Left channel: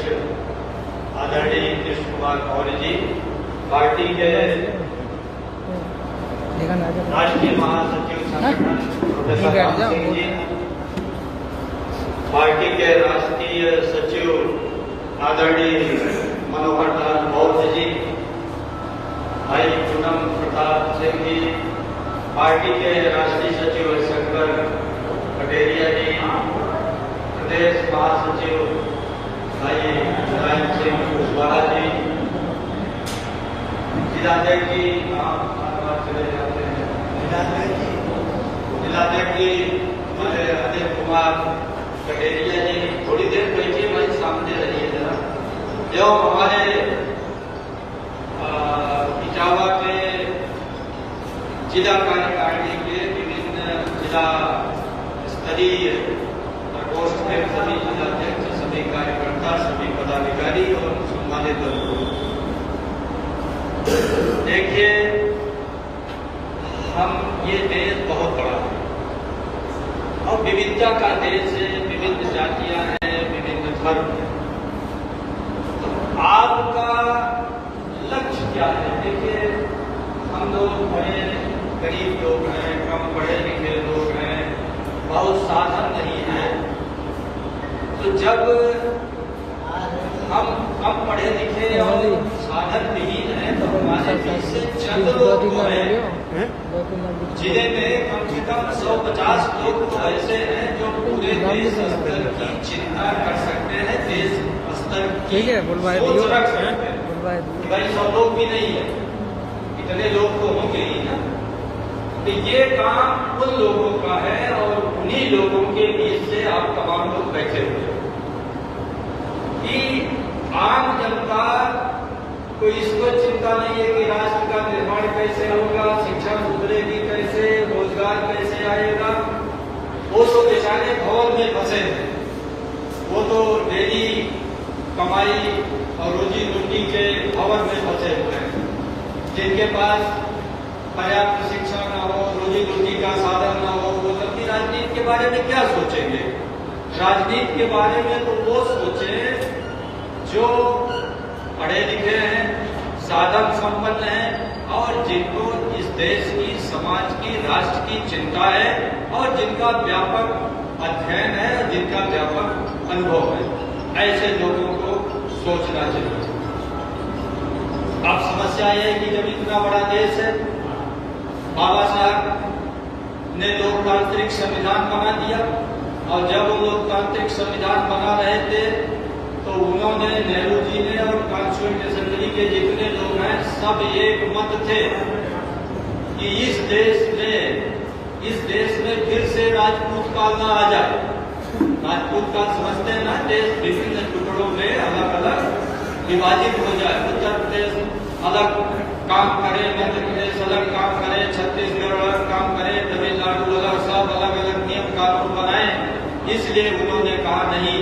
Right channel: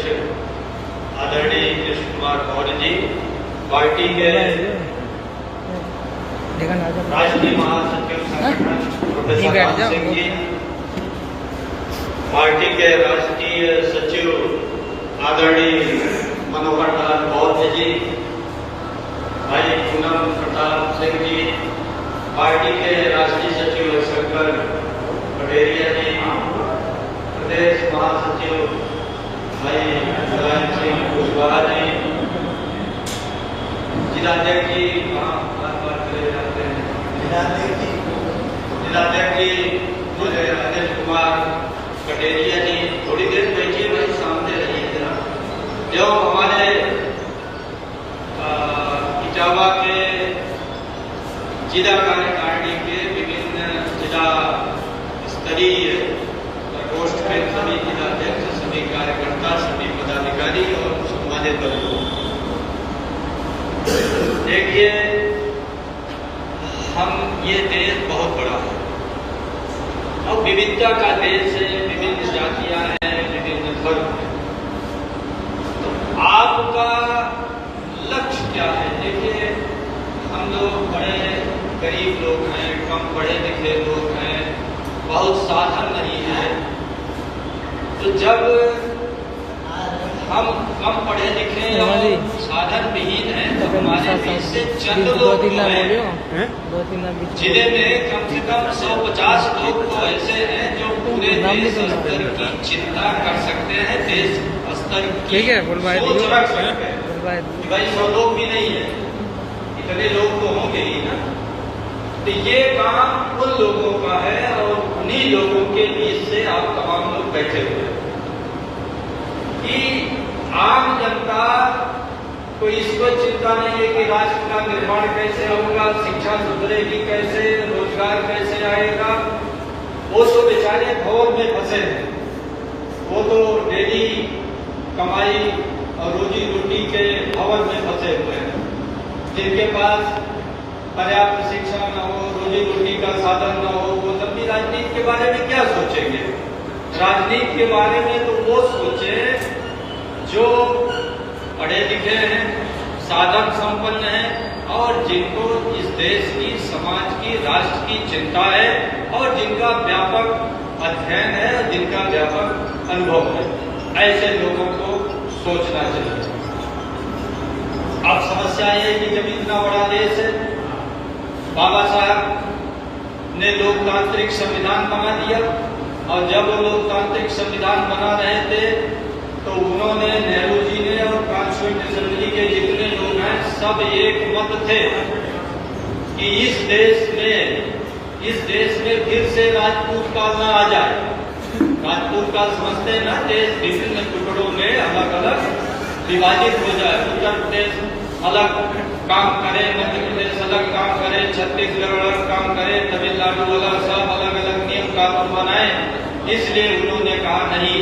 अध्यक्ष आदरणीय कृष्ण कुमार मौर्य जी, पार्टी के राष्ट्रीय महासचिव संगठन प्रोफेसर राम सिंह जी, पार्टी के राष्ट्रीय सचिव आदरणीय मनोहर लाल बौद्ध जी, भाई पूनम प्रताप सिंह जी, पार्टी के राष्ट्रीय सचिव शंकर पटेरिया जी, प्रदेश महासचिव भाई मुलायम सिंह कुशवाहा जी, जिलाध्यक्ष जी, जिलाध्यक्ष जी अनिल कुमार कटेरिया जी, थोड़ी देर बैठिए भाई, सामने रहिए जरा। जो हमारे इटावा के जिला कार्यकारिणी के विभिन्न जिला स्तरीय प्रकोष्ठ के सभी जिलाध्यक्ष, सभी कार्यकर्ता, सभी पदाधिकारी और सम्मानित वर्ग, देखिए हम ये देश बहुत बड़ा है और विविधता का देश है, विभिन्न जातियां हैं, विभिन्न धर्म हैं। तो आपका लक्ष्य क्या है? देखिए हम लोग बड़े गरीब लोग हैं, कम पढ़े लिखे लोग हैं, बहुत साधन नहीं है। तो जब हम कम पढ़े लिखे और साधन विहीन हैं तो हमारे बीच से चंद लोग हैं, जिले में कम से कम 150 लोग तो ऐसे हैं जो पूरे देश स्तर की चिंता कर सकते हैं, देश स्तर की सोच रख सकते हैं। भाई 100 लोग भी नहीं है, इतने लोग तो होंगे ही ना। तो ये काम उन लोगों का है और उन्हीं लोगों के बीच से आप तमाम लोग बैठे हुए हैं कि आम जनता को इसको चिंता नहीं है कि राष्ट्र का निर्माण कैसे होगा, शिक्षा सुधरेगी कैसे, रोजगार कैसे आएगा। वो तो बेचारे भौर में फंसे हैं, वो तो डेली कमाई और रोजी रोटी के भंवर में फंसे हुए हैं, जिनके पास पर्याप्त शिक्षा न हो, रोजी रोटी का साधन न हो, वो लंबी राजनीति के बारे में क्या सोचेंगे? राजनीति के बारे में तो वो सोचे जो पढ़े लिखे हैं, साधन संपन्न हैं और जिनको इस देश की, समाज की, राष्ट्र की चिंता है और जिनका व्यापक अध्ययन है और जिनका व्यापक अनुभव है, ऐसे लोगों को सोचना चाहिए। अब समस्या ये है कि जब इतना बड़ा देश है, बाबा साहब ने लोकतांत्रिक संविधान बना दिया और जब वो लोकतांत्रिक संविधान बना रहे थे तो उन्होंने, नेहरू जी ने और कॉन्स्टिट्यूएंट असेंबली के जितने लोग हैं सब एक मत थे कि इस देश में फिर से राजपूत काल न आ जाए। राजपूत काल समझते हैं ना, देश विभिन्न टुकड़ों में अलग अलग विभाजित हो जाए। उत्तर प्रदेश अलग काम करे, मध्य प्रदेश अलग काम करे, छत्तीसगढ़ अलग काम करे, तमिलनाडु अलग, सब अलग अलग नियम कानून बनाए। इसलिए उन्होंने कहा नहीं,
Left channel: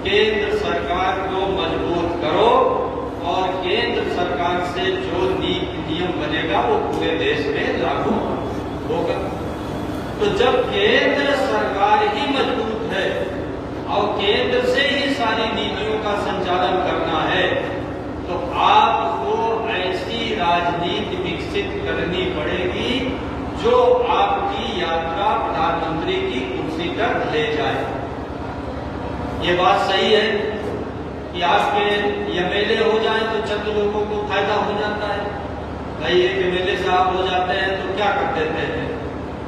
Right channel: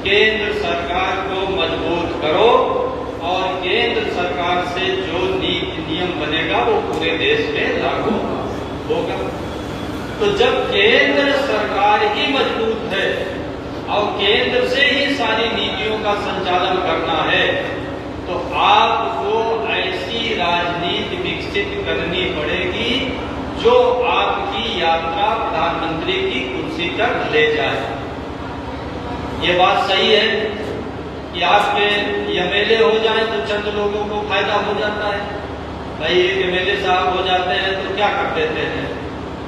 केंद्र सरकार को मजबूत करो और केंद्र सरकार से जो नीति नियम बनेगा वो पूरे देश में लागू होगा। तो जब केंद्र सरकार ही मजबूत है और केंद्र से ही सारी नीतियों का संचालन करना है तो आपको ऐसी राजनीति विकसित करनी पड़ेगी जो आपकी यात्रा प्रधानमंत्री की कुर्सी तक ले जाए। ये बात सही है कि आपके एमएलए हो जाए तो चंद लोगों को फायदा हो जाता है। भाई एक एमएलए साहब हो जाते हैं तो क्या कर देते हैं,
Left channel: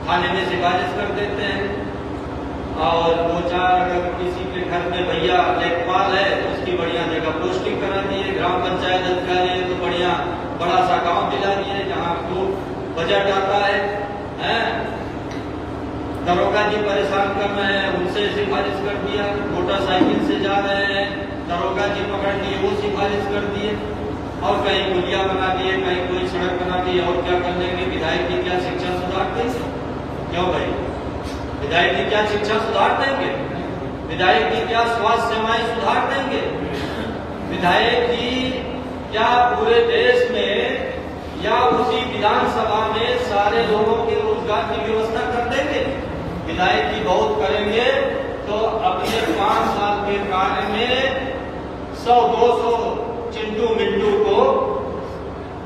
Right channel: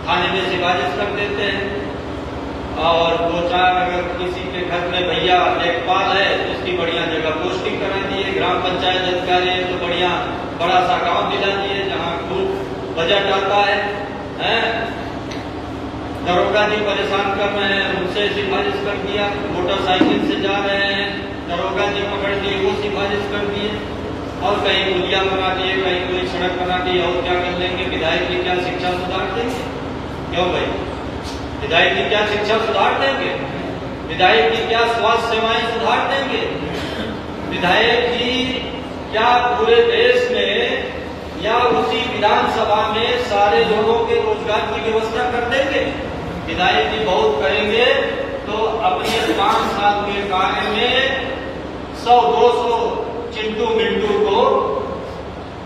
थाने में सिफारिश कर देते हैं और दो चार अगर किसी के घर में भैया लेखपाल है तो उसकी बढ़िया जगह पोस्टिंग करा दिए, ग्राम पंचायत अधिकारी है तो बढ़िया बड़ा सा गाँव दिला दिए जहाँ खूब बजट आता है। दरोगा जी परेशान कर रहे हैं, उनसे सिफारिश कर दिया, मोटरसाइकिल से जा रहे हैं, दरोगा जी पकड़ लिए, वो सिफारिश कर दिए और कहीं पुलिया बना दिए, कहीं कोई सड़क बना दी। और क्या कर लेंगे? विधायक जी क्या शिक्षा सुधार देंगे? क्यों भाई, विधायक जी क्या शिक्षा सुधार देंगे? विधायक जी क्या स्वास्थ्य सेवाएं सुधार देंगे? विधायक जी क्या पूरे देश में या उसी विधानसभा में सारे लोगों के रोजगार की व्यवस्था कर देंगे? विधायक जी बहुत करेंगे तो अपने 5 साल के कार्य में 100-200 चिंटू मिंटू को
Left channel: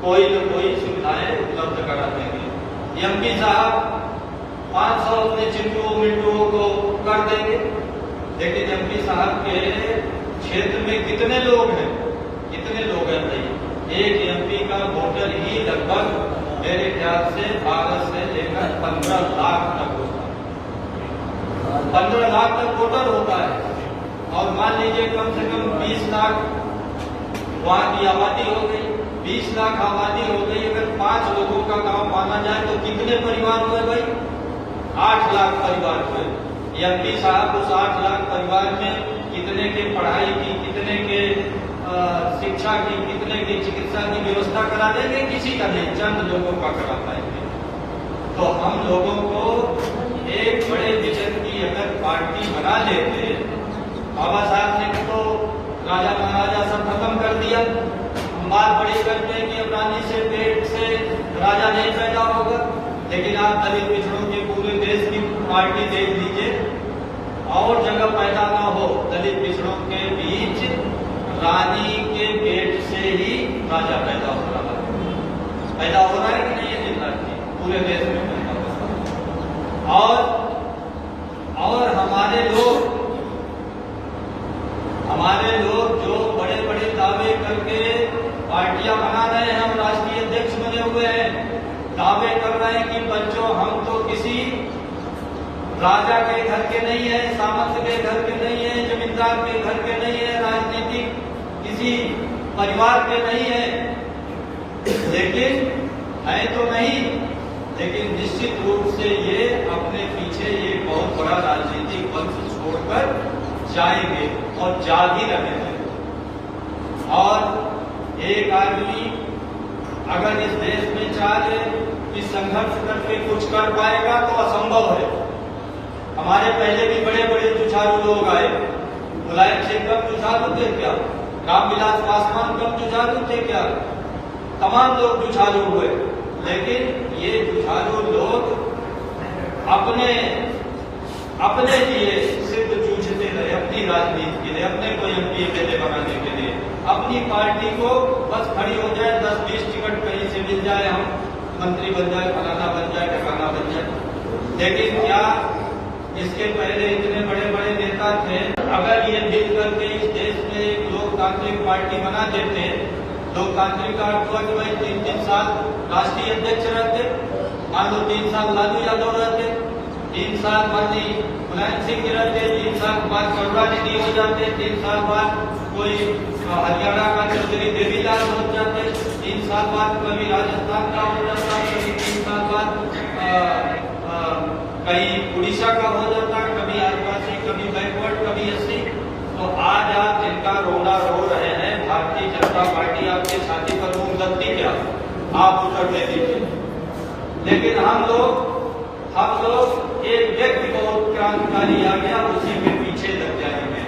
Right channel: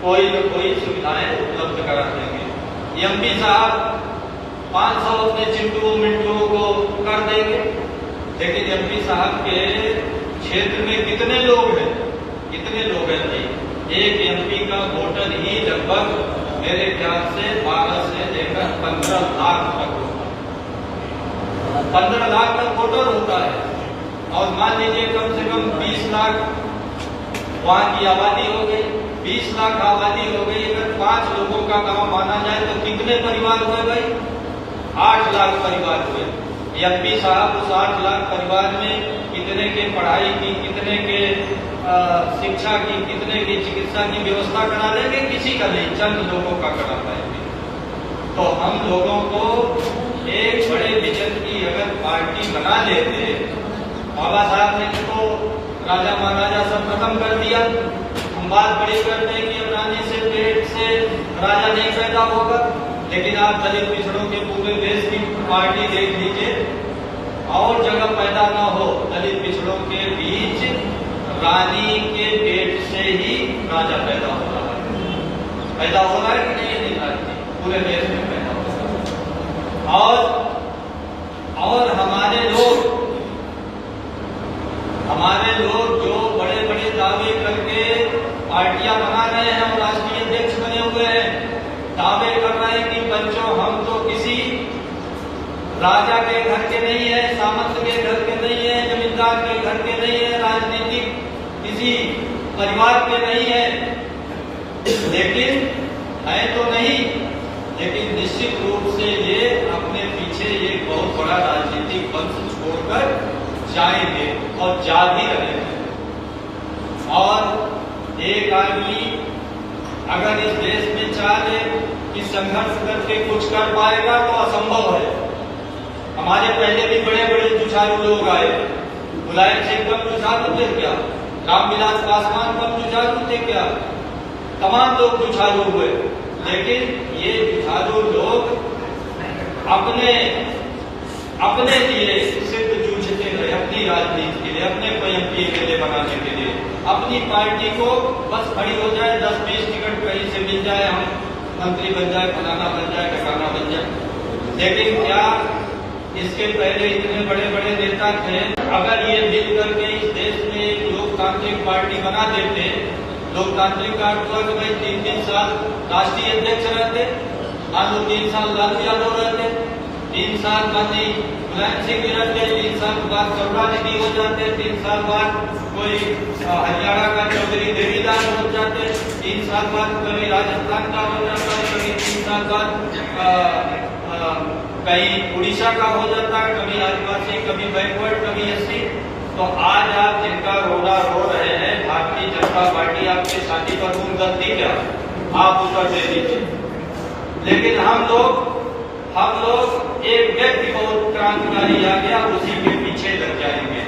कोई न कोई सुविधाएं उपलब्ध करा देंगे। एमपी साहब 500 अपने चिंटू मिंटू को कर देंगे, लेकिन एमपी साहब के क्षेत्र में कितने लोग हैं? कितने लोग हैं भाई? एक एमपी का वोटर ही लगभग मेरे ख्याल से 12 से लेकर 15 लाख तक होता है। 15 लाख तक वोटर होता है, और मान लीजिए कम से कम 20 लाख वहां की आबादी हो गई, 20 लाख आबादी हो गई। अगर 5 लोगों का गांव माना जाए तो कितने परिवार हो गए? 8 लाख परिवार हुए। एमपी साहब उस 8 लाख परिवार में कितने के पढ़ाई की, कितने के शिक्षा की, कितने की चिकित्सा की व्यवस्था करा देंगे? किसी का नहीं, चंद लोगों का करा पाएंगे। तो हम लोगों को एक बड़े विजन की अगर पार्टी बना लेते, बाबा साहब ने तो राजा महाराजा सब खत्म कर दिया। हम बात बड़ी करते हैं कि अब रानी से पेट से राजा नहीं पैदा होगा, लेकिन आप दलित पिछड़ों के पूरे देश की पार्टी देख लीजिए, और जगह पैदा ना हो दलित पिछड़ों के बीच रानी के पेट से ही राजा पैदा हो रहा है। पैदा हो रहा है कि नहीं? नहीं राजी पूरे देश में पैदा हो रहा है। और हमारे लोग जो बड़े बड़े दावे करके पार्टियां बना रहे हैं, हम राष्ट्रीय अध्यक्ष बने हुए हैं, दावे कर रहे हैं कि बच्चों हम तो किसी राजा के घर के नहीं है, सामंत के घर के नहीं है, जमींदार के घर के नहीं है, राजनीतिक किसी परिवार के नहीं है, लेकिन है तो नहीं, लेकिन निश्चित रूप से ये अपने पीछे ये बहुत बड़ा राजनीतिक वंश छोड़कर जाएंगे और जा भी रहे हैं। और एक आदमी अगर इस देश में चाहे कि संघर्ष करके कुछ कर पाएगा तो असंभव है। हमारे पहले भी बड़े बड़े जुझारू लोग आए, मुलायम सिंह कम जुझारू थे क्या? रामविलास पासवान कम जुझारू थे क्या? तमाम लोग जुझारू हुए, लेकिन ये जुझारू लोग अपने लिए सिर्फ जूझते रहे, अपनी राजनीति के लिए, अपने को एमपी के लिए बनाने के लिए, अपनी पार्टी को बस खड़ी हो जाए, 10-20 टिकट कहीं से मिल जाए, हम मंत्री बन जाए, फलाना बन जाए, ठिकाना बन जाए। लेकिन क्या इसके पहले इतने बड़े बड़े नेता थे? अगर ये मिल करके इस देश में एक लोकतांत्रिक पार्टी बना देते, लोकतांत्रिक का अर्थ हुआ कि भाई 3-3 साल राष्ट्रीय अध्यक्ष रहते, मान लो 3 साल लालू यादव रहते, 3 साल बाद मुलायम सिंह रहते, 3 साल बाद करुणानिधि हो जाते, 3 साल बाद कोई हरियाणा का चौधरी देवीलाल हो जाते, 3 साल बाद कभी राजस्थान का हो जाता है, कभी 3 साल बाद कहीं उड़ीसा का हो जाता है, कभी आदिवासी, कभी बैकवर्ड, कभी एससी। तो आज आप जिनका रोना रो रहे हैं, भारतीय जनता पार्टी आपके साथी का खून गलती क्या? आप उत्तर दे दीजिए। लेकिन हम लोग एक व्यक्ति बहुत क्रांतिकारी आ गया, उसी के पीछे लग जाएंगे।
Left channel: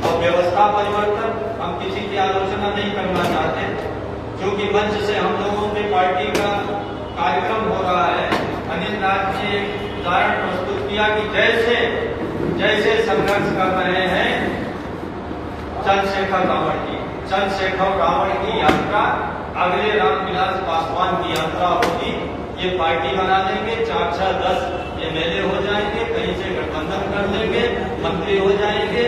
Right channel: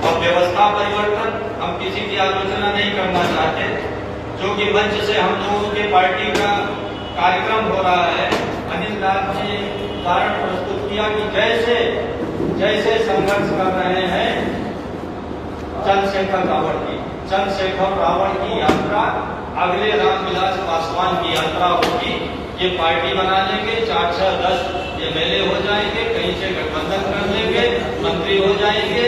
और व्यवस्था परिवर्तन हम किसी की आलोचना नहीं करना चाहते, जो कि मंच से हम लोगों के पार्टी का कार्यक्रम हो रहा है। अनिल राज ने उदाहरण प्रस्तुत किया कि जैसे संघर्ष कर रहे हैं चंद्रशेखर रावण की यात्रा, अगले रामविलास पासवान की यात्रा होगी। ये पार्टी बना लेंगे, 4-10 एमएलए हो जाएंगे, कहीं से गठबंधन कर लेंगे, मंत्री हो जाएंगे,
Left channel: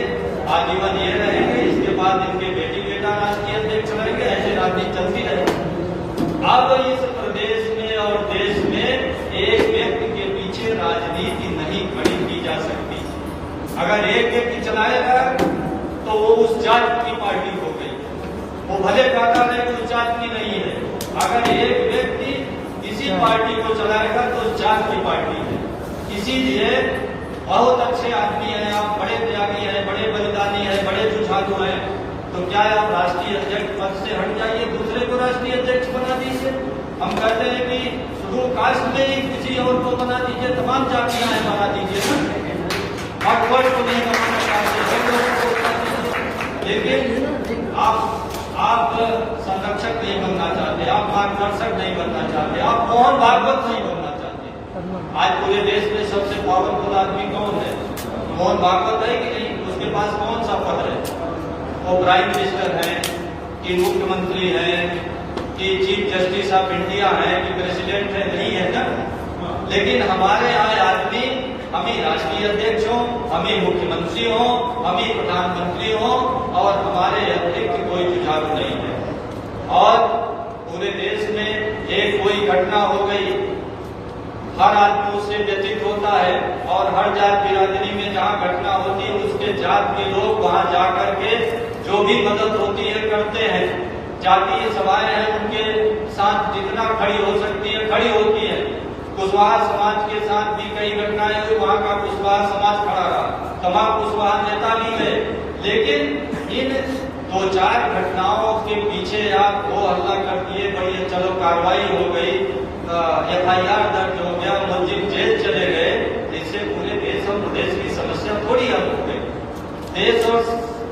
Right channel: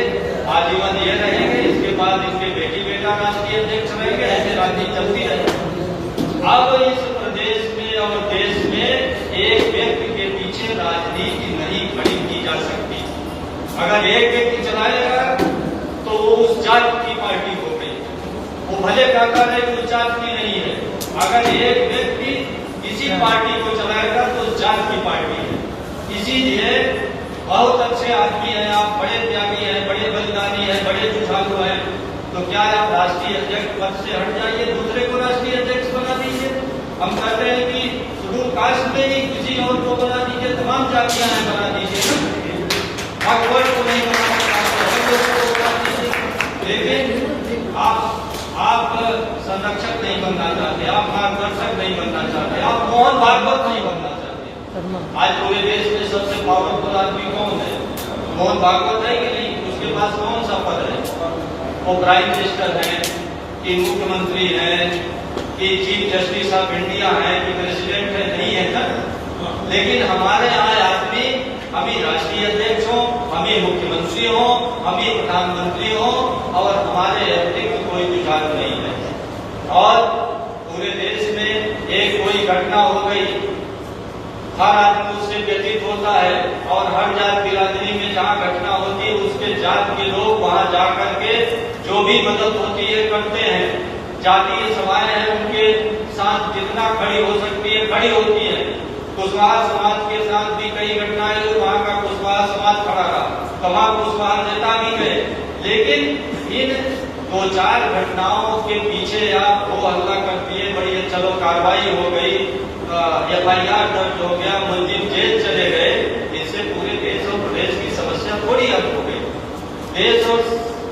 आजीवन ये रहेंगे, इसके बाद इनके बेटी बेटा राष्ट्रीय अध्यक्ष रहेंगे, ऐसे राजनीति चलती रहेगी। अब इस प्रदेश में और देश में एक व्यक्ति के पीछे राजनीति नहीं खड़ी की जा सकती। अगर एक व्यक्ति चलाएगा तो वो उस जात की पार्टी हो गई, वो भले कहता है कि उस जात की नहीं है। अगर एक व्यक्ति किसी पार्टी को चलाएगा तो उस जात की पार्टी है। इसीलिए बहुत अच्छे आदमी हैं आप, बड़े त्यागी हैं, बड़े बलिदानी हैं, बड़े जुझारू हैं, तो क्या आप राष्ट्रीय अध्यक्ष पद से हट जाइए, दूसरे को राष्ट्रीय अध्यक्ष बना दीजिए। हम कहते हैं कि शेड्यूल कास्ट में ही किसी और को बना दीजिए, तमाम जातियां हैं बना दीजिए, भगवान को नहीं बना दीजिए। लेकिन आप संरक्षक नहीं बनना चाहते, आप मार्गदर्शक नहीं बनना चाहते, आप मोहन भागवत नहीं बनना चाहते। आज पूरे देश में सबसे पावरफुल आदमी कौन है? मोहन भागवत है कि नहीं? उसके पास कौन सा पद है? वो प्राइम मिनिस्टर हैं कि मुख्यमंत्री हैं कि चीफ जस्टिस ऑफ इंडिया है कि प्रेसिडेंट है, नहीं है ना। लेकिन हमारे यहाँ आदमी, हम ही राष्ट्रीय अध्यक्ष हो, हम ही मुख्यमंत्री हो, हम ही प्रधानमंत्री हो, और हमारे अध्यक्ष कोई जुझारू नहीं है। और पूरे देश में एक कोई घटना हो गई, हर आदमी उससे व्यतीत होता है, और हर जात बिरादरी में जहाँ घटना होती है उसके जात के लोग वहाँ जाकर के जो भी मदद होती है करते हैं। जातीय सभाएं हैं, उनके साथ जितना खड़ी हो सकती है खड़ी होती है। कुशवाहा समाज के साथ भी कई घटनाएं हुई, वहाँ का कुशवाहा समाज खड़ा रहा, तमाम कुशवाहा नेता भी गए। लेकिन इन 2-4 घटनाओं के पीछे आप वो हल्ला कर दिए, बड़ी चलो कार्रवाई हो गई, FIR दर्ज हो गया, मुलजिम जेल चले गए, इससे पूरे देश और प्रदेश की समस्या थोड़ी हल हो गई। देश और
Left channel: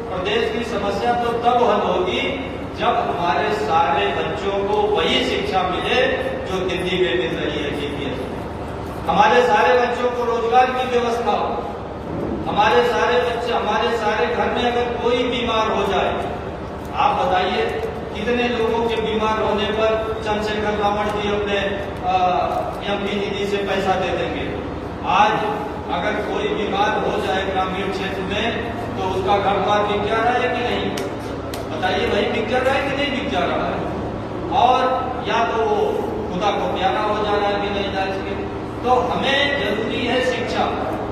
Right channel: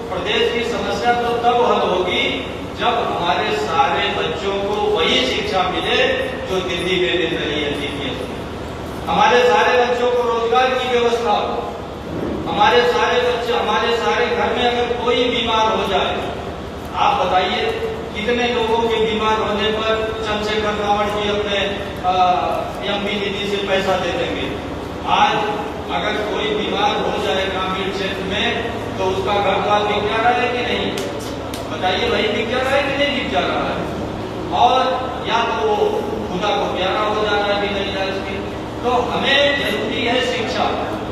प्रदेश की समस्या तो तब हल होगी जब हमारे सारे बच्चों को वही शिक्षा मिले जो दिल्ली में मिल रही है। हमारे सारे बच्चों को रोजगार की व्यवस्था हो, हमारे सारे बच्चे, हमारे सारे घर में अगर कोई बीमार हो जाए, आप बताइए कितने लोगों के बीमार होने पर चंद्रशेखर रावण जी अपने MP निधि से पैसा दे देंगे। आज अगर कोई बीमार हो जाए ग्रामीण क्षेत्र में तो उसका घर द्वार बिक जा रहा है कि नहीं? बताइए, वही बिक जा रहा है कि नहीं बिक जा रहा है? और या तो वो खुदा को प्यारा हो जा रहा है बिना इलाज के। तो हमें जरूरी है शिक्षा,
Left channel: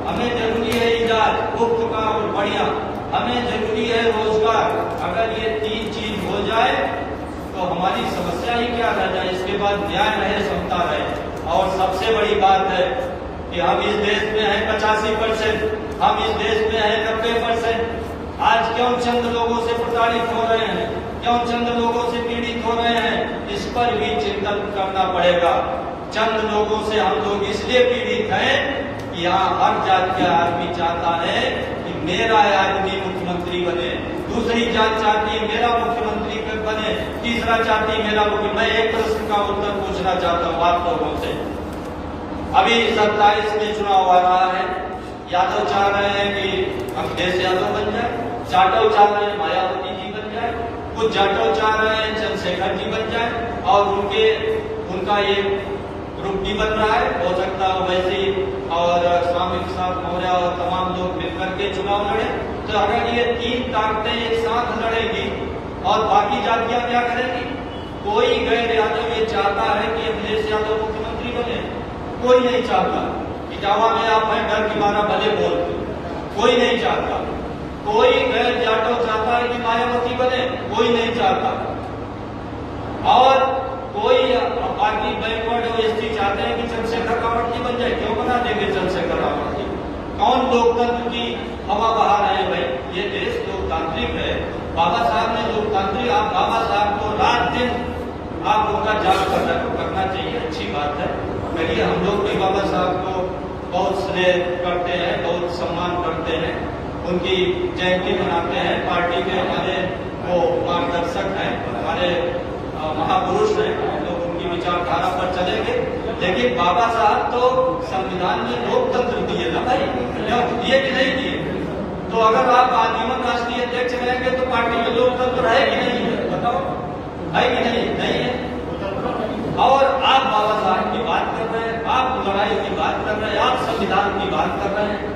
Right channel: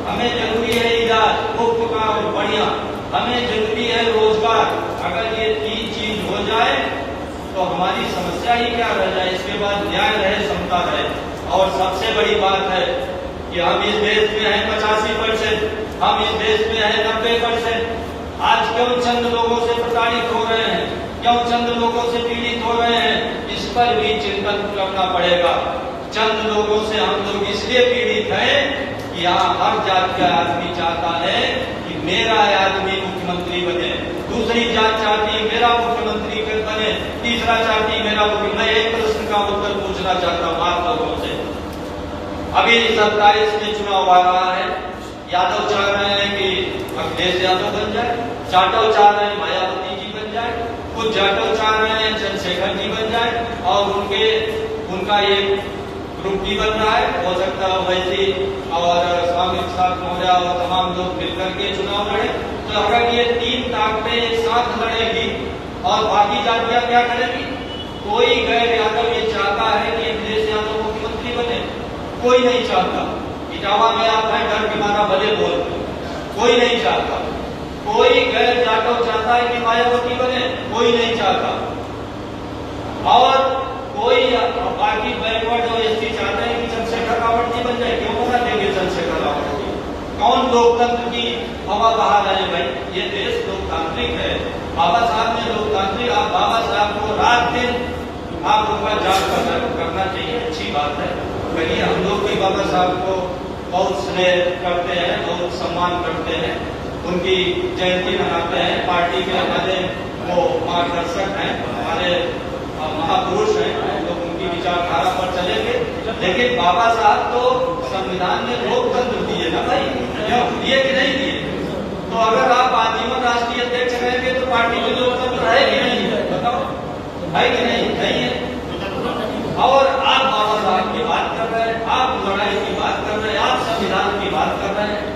हमें जरूरी है इलाज मुफ्त का और बढ़िया, हमें जरूरी है रोजगार। अगर ये 3 चीज हो जाए तो हमारी समस्या ही क्या रह जाए। इसके बाद न्याय रहे, समता रहे। और सबसे बड़ी बात है कि हम इस देश में हैं 85%, हम इस देश में हैं 90%। आज क्यों चंद लोगों से प्रताड़ित हो रहे हैं, क्यों चंद लोगों से पीड़ित हो रहे हैं, इस पर भी चिंतन करना पड़ेगा। चंद लोगों से हम लोग इसलिए पीड़ित हैं कि यहाँ हर जात का आदमी चाहता है कि मेरा आदमी मुख्यमंत्री बने, दूसरी जात चाहती है मेरा मुख्यमंत्री बने, तीसरा चाहती है मेरा मुख्यमंत्री। मैं एक प्रश्न का उत्तर पूछना चाहता हूँ आप लोगों से। अभी 27 में चुनाव आ रहा है, यादव चाह रहे हैं कि अखिलेश यादव बन जाए, जाटव चाह रहे हैं मायावती जी बन जाए, कुछ जाटव चाह रहे हैं चंद्रशेखर जी बन जाए, और उनका एक ग्रुप भी बन रहा है। हो सकता है वैसी और स्वामी साहब मौर्य और तमाम लोग मिलकर के चुनाव लड़े। तो अगर ये 3 ताकतें एक साथ लड़ेगी और बाकी जातियां क्या करेगी? कोई गैर यादव ये चाहता है कि अखिलेश यादव मुख्यमंत्री बने? कोई नहीं चाहता। इटावा में आप हैं, डर के मारा भले बोलते, कोई नहीं चाहता। कोई गैर जाटव चाहता है कि मायावती बने? कोई नहीं चाहता। और कोई पार्टी बैकवर्ड जो SC चाहते हैं कि चंद्रशेखर रावण जी बन जाए। क्यों बना देंगे चंद्रशेखर रावण जी? कौन लोकतंत्र की हवा बहा रहे हैं भाई? ये देश लोकतांत्रिक है। बाबा साहब ने लोकतांत्रिक, आप बाबा साहब को रात दिन आप उनका जाग करना चाहिए, अच्छी बात है। कहिए, हम लोग भी बाबा साहब को बहुत स्नेह करते हैं, बहुत सम्मान करते हैं, उनकी जयंती मनाते हैं। पार्टी के हमारे वो मार्गदर्शक हैं, हमारे महापुरुष हैं, लोग उनकी विचारधारा पर चलेंगे। लेकिन बाबा साहब तो संविधान में लोकतंत्र दिए ना भाई, क्यों दिए कि नहीं दिए? तो अगर आप आजीवन राष्ट्रीय अध्यक्ष रहेंगे तो पार्टी में लोकतंत्र है कि नहीं है? बताओ, है कि नहीं? नहीं है। और आप बाबा साहब की बात कर रहे हैं, आप लड़ाई की बात कर रहे हैं, आप संविधान की बात कर रहे हैं।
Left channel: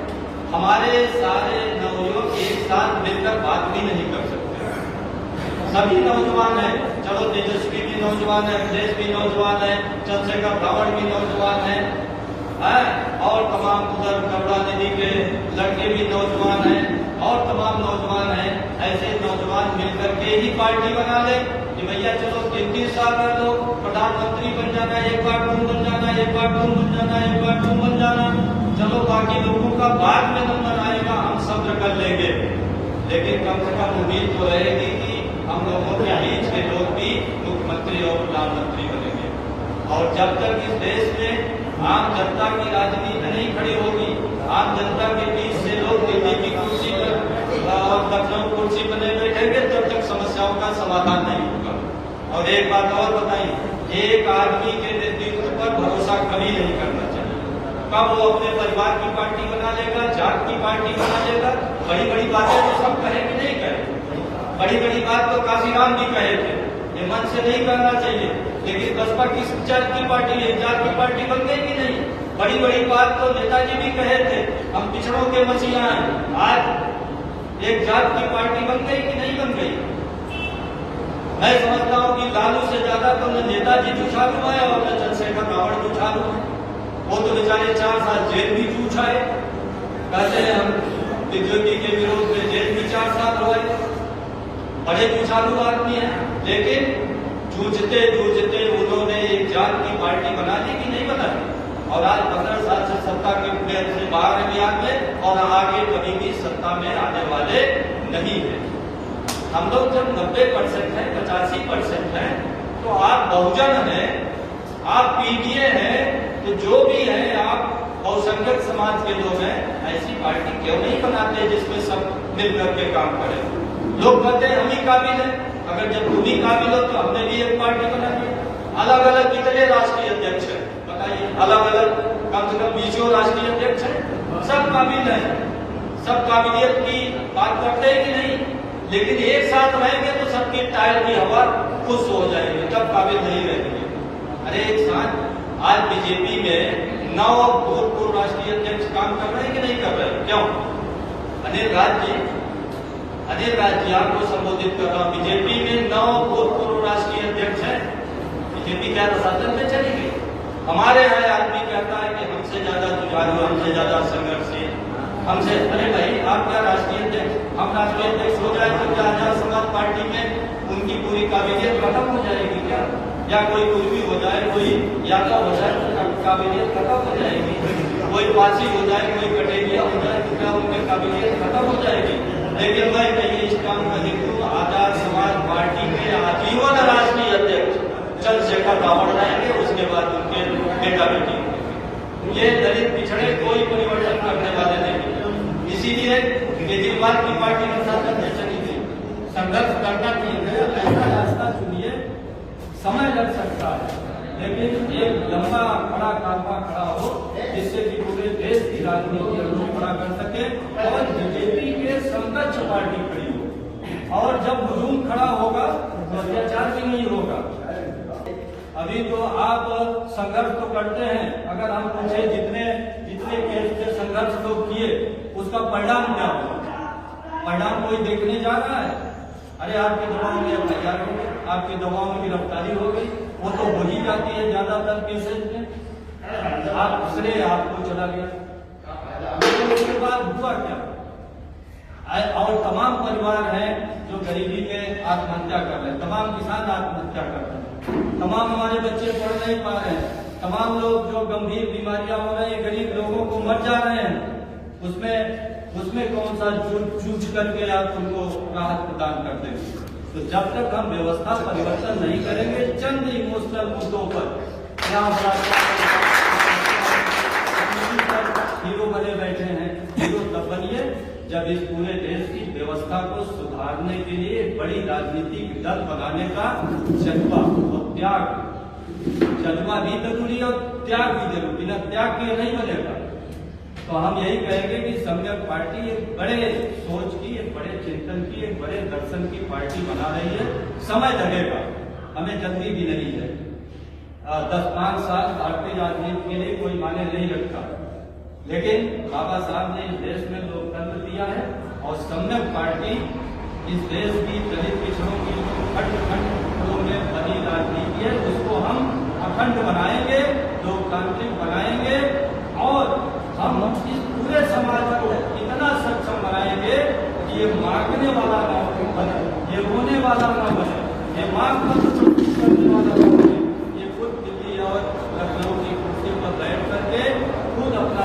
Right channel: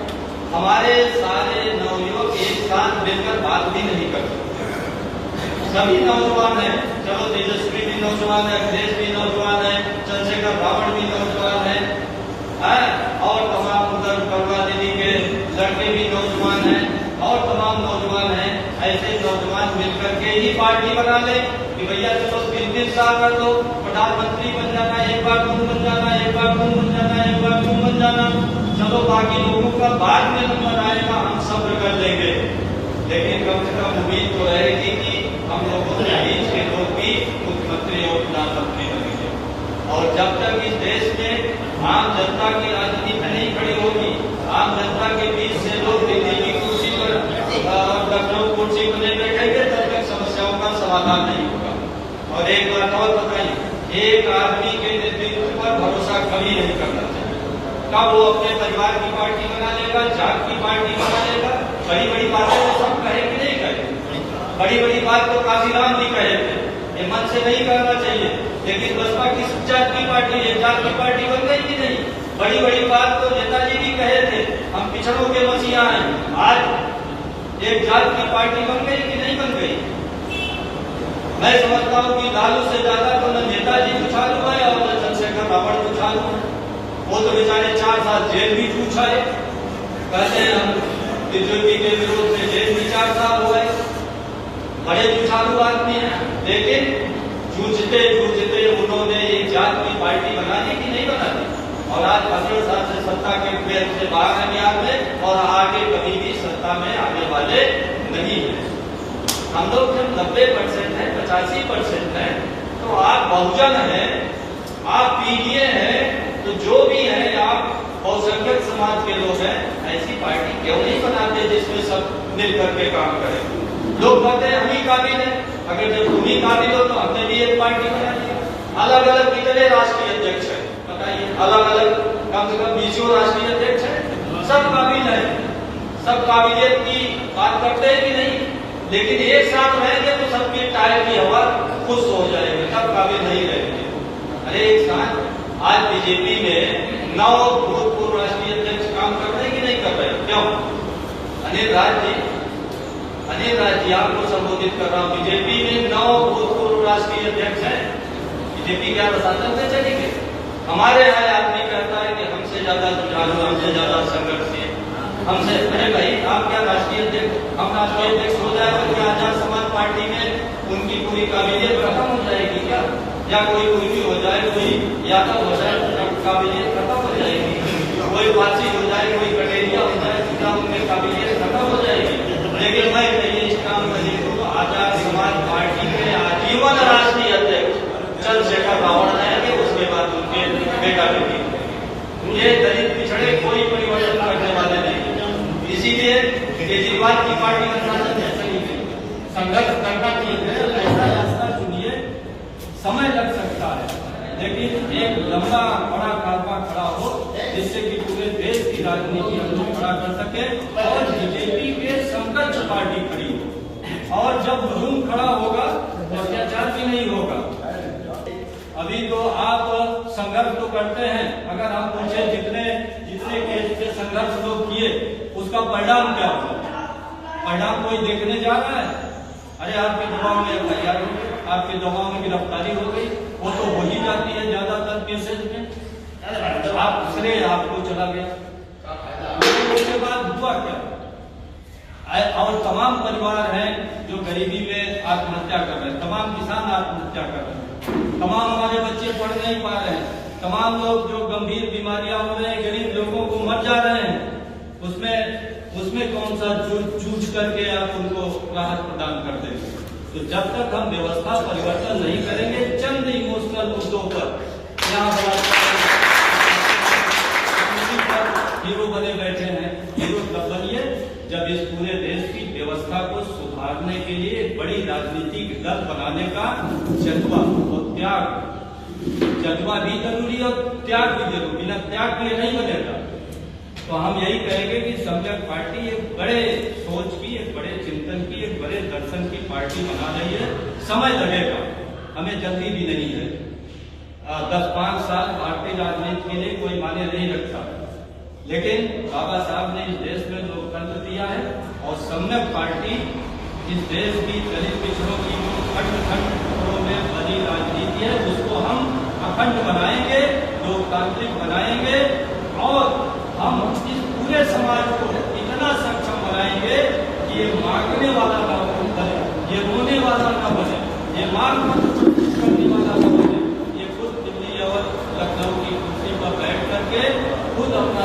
हमारे सारे नवयुवक एक साथ मिलकर बात भी नहीं कर सकते। सभी नौजवान हैं, चलो तेजस्वी भी नौजवान है, अखिलेश भी नौजवान है, चंद्रशेखर रावण भी नौजवान है, और तमाम उधर करुणानिधि के लड़के भी नौजवान हैं, और तमाम नौजवान हैं। ऐसे नौजवान मिलकर के ही पार्टी बना ले कि भैया चलो 3 साल कर लो, प्रधानमंत्री बन जाना, एक बार तुम बन जाना, एक बार तुम बन जाना, एक बार तुम बन जाना। चलो बाकी लोगों का बाद में नंबर आएगा, हम सब्र कर लेंगे। लेकिन कम से कम उम्मीद तो रहेगी कि हम लोगों के बीच के लोग भी मुख्यमंत्री और प्रधानमंत्री बनेंगे। और जब तक इस देश में आम जनता की राजनीति नहीं खड़ी होगी, आम जनता के बीच से लोग दिल्ली की कुर्सी पर और लखनऊ कुर्सी पर नहीं बैठेंगे, तब तक समस्याओं का समाधान नहीं होगा। और एक बात और बताइए, एक आदमी के नेतृत्व पर भरोसा कभी नहीं करना चाहिए। कब वो अपने परिवार की पार्टी बना लेगा, जात की पार्टी बना लेगा, बड़ी बड़ी बातें तो सब कहे कि नहीं कहे। बड़ी बड़ी बात तो काशीराम जी कहे थे, ये मन से नहीं करना चाहिए, लेकिन बसपा किस जात की पार्टी, एक जात की पार्टी बन गई कि नहीं? बड़ी बड़ी बात तो नेताजी भी कहे थे, हम पिछड़ों के मसीहा हैं। आज एक जात की पार्टी बन गई कि नहीं बन गई? मैं समझता हूँ कि लालू से ज्यादा तो न नेताजी उछाल हुआ है और न चंद्रशेखर रावण उछाल हुआ। वो तो बेचारे 4 साल जेल भी जूझा है, कहते हैं हम बीजेपी के विरोध में जेल भी 4 साल हुए, बड़े जुझारू आदमी है, लेकिन जूझते जूझते उन्होंने एक जात की पार्टी बना दी कि नहीं बना दी? और आज 15 साल से सत्ता के पेड़ से बाहर नहीं आते और आगे कभी भी सत्ता में आने वाले नहीं है। हम लोग जब 90% है, 85% है, तो आप बहुजन है, आप पीडीए हैं, तो जो भी है आप बहुसंख्यक समाज के लोग हैं, ऐसी पार्टी क्यों नहीं बनाते जिसमें सब मिल करके काम करें? लोग कहते हैं हम ही काबिल है, अगर जब तुम ही काबिल हो तो हमने भी एक पार्टी बना दी। अलग अलग कितने राष्ट्रीय अध्यक्ष है बताइए? अलग अलग कम से कम 20 राष्ट्रीय अध्यक्ष है, सब काबिल है, सब काबिलियत की बात करते हैं कि नहीं? लेकिन एक साथ रहेंगे तो सबके टायर की हवा खुश हो जाएगी, सब काबिल नहीं रहेंगे। अरे एक साथ आज बीजेपी में 9 भूतपूर्व राष्ट्रीय अध्यक्ष काम कर रहे हैं कि नहीं कर रहे? क्यों? अनिल राज जी आपको संबोधित कर रहा हूँ। बीजेपी में 9 भूतपूर्व राष्ट्रीय अध्यक्ष हैं। बीजेपी क्या शासन से चलेगी? हमारे यहाँ आदमी कहता है कि हमसे ज्यादा जुझारू, हमसे ज्यादा संघर्षशील, हमसे, अरे भाई आप क्या राष्ट्रीय अध्यक्ष, हम राष्ट्रीय अध्यक्ष हो जाए तो क्या आजाद समाज पार्टी में उनकी पूरी काबिलियत खत्म हो जाएगी क्या? या कोई भी हो जाए, कोई या तो हो जाए तो काबिलियत खत्म हो जाएगी, कोई पासी हो जाए, कोई कटेरिया हो जाए तो क्या उनमें काबिलियत खत्म हो जाएगी? लेकिन मैं कहिए इस काम में हिंदू आजाद समाज पार्टी के आजीवन राष्ट्रीय अध्यक्ष चंद्रशेखर रावण रहेंगे, उसके बाद उनके बेटा बेटी। ये दलित पिछड़े कोई परिवर्तन करने वाले नहीं, इसीलिए केजरीवाल की पार्टी का शासन चली गई। संघर्ष करना ठीक है, ऐसा रास्ता चुनिए, समय लग सकता है, लेकिन एक लंबा बड़ा कालवा खड़ा हो जिससे कि पूरे देश की राजनीति हम लोग खड़ा कर सके और बीजेपी के समकक्ष पार्टी खड़ी हो। और जब हुजूम खड़ा होगा तो अत्याचार भी नहीं होगा। अभी तो आप संघर्ष तो करते हैं, अगर हम पूछे जितने केस के संघर्ष लोग किए उसका परिणाम क्या हुआ? परिणाम कोई देखने जा रहा है? अरे आपकी दवाओं में FIR हो गई, आपकी दवाओं में गिरफ्तारी हो गई, वो तो हो ही जाती है ज्यादातर केसेज में, आप श्रेय आपको चला गया। उसके बाद हुआ क्या? और तमाम परिवार हैं जो गरीबी में आत्महत्या कर रहे हैं, तमाम किसान आत्महत्या कर रहे हैं, तमाम हमारे बच्चे पढ़ नहीं पा रहे हैं, तमाम लोग जो गंभीर बीमारियां हो रहे हैं, गरीब लोगों को मर जा रहे हैं, उसमें कौन सा जूझ करके आप उनको राहत प्रदान कर देंगे? तो जब तक हम व्यवस्था परिवर्तन नहीं करेंगे, चंद इमोशनल मुद्दों पर यहाँ बड़ा हीरो बने बैठे हैं। हीरो तब बनिए जब इस पूरे देश की व्यवस्था को सुधारने के लिए एक बड़ी राजनीतिक दल बनाने का जज्बा और जज्बा भी जरूरी और त्याग भी जरूरी, बिना त्याग के नहीं बनेगा। तो हम यही कहेंगे कि सम्यक पार्टी एक बड़े सोच की, एक बड़े चिंतन की, एक बड़े दर्शन की पार्टी बना रही है। समय लगेगा, हमें जल्दी भी नहीं है। 10-5 साल भारतीय राजनीति के लिए कोई मायने नहीं रखता, लेकिन बाबा साहब ने इस देश में लोकतंत्र दिया है और सम्यक पार्टी इस देश की दलित पिछड़ों की जो खंड में बनी राजनीति है उसको हम अखंड बनाएंगे, लोकतांत्रिक बनाएंगे और हम इस पूरे समाज को इतना सक्षम बनाएंगे कि ये मांगने वाला ना बने, ये रोने वाला ना बने, ये मांग पत्र करने वाला ना बने, ये खुद दिल्ली और लखनऊ की कुर्सी पर बैठ करके खुद अपना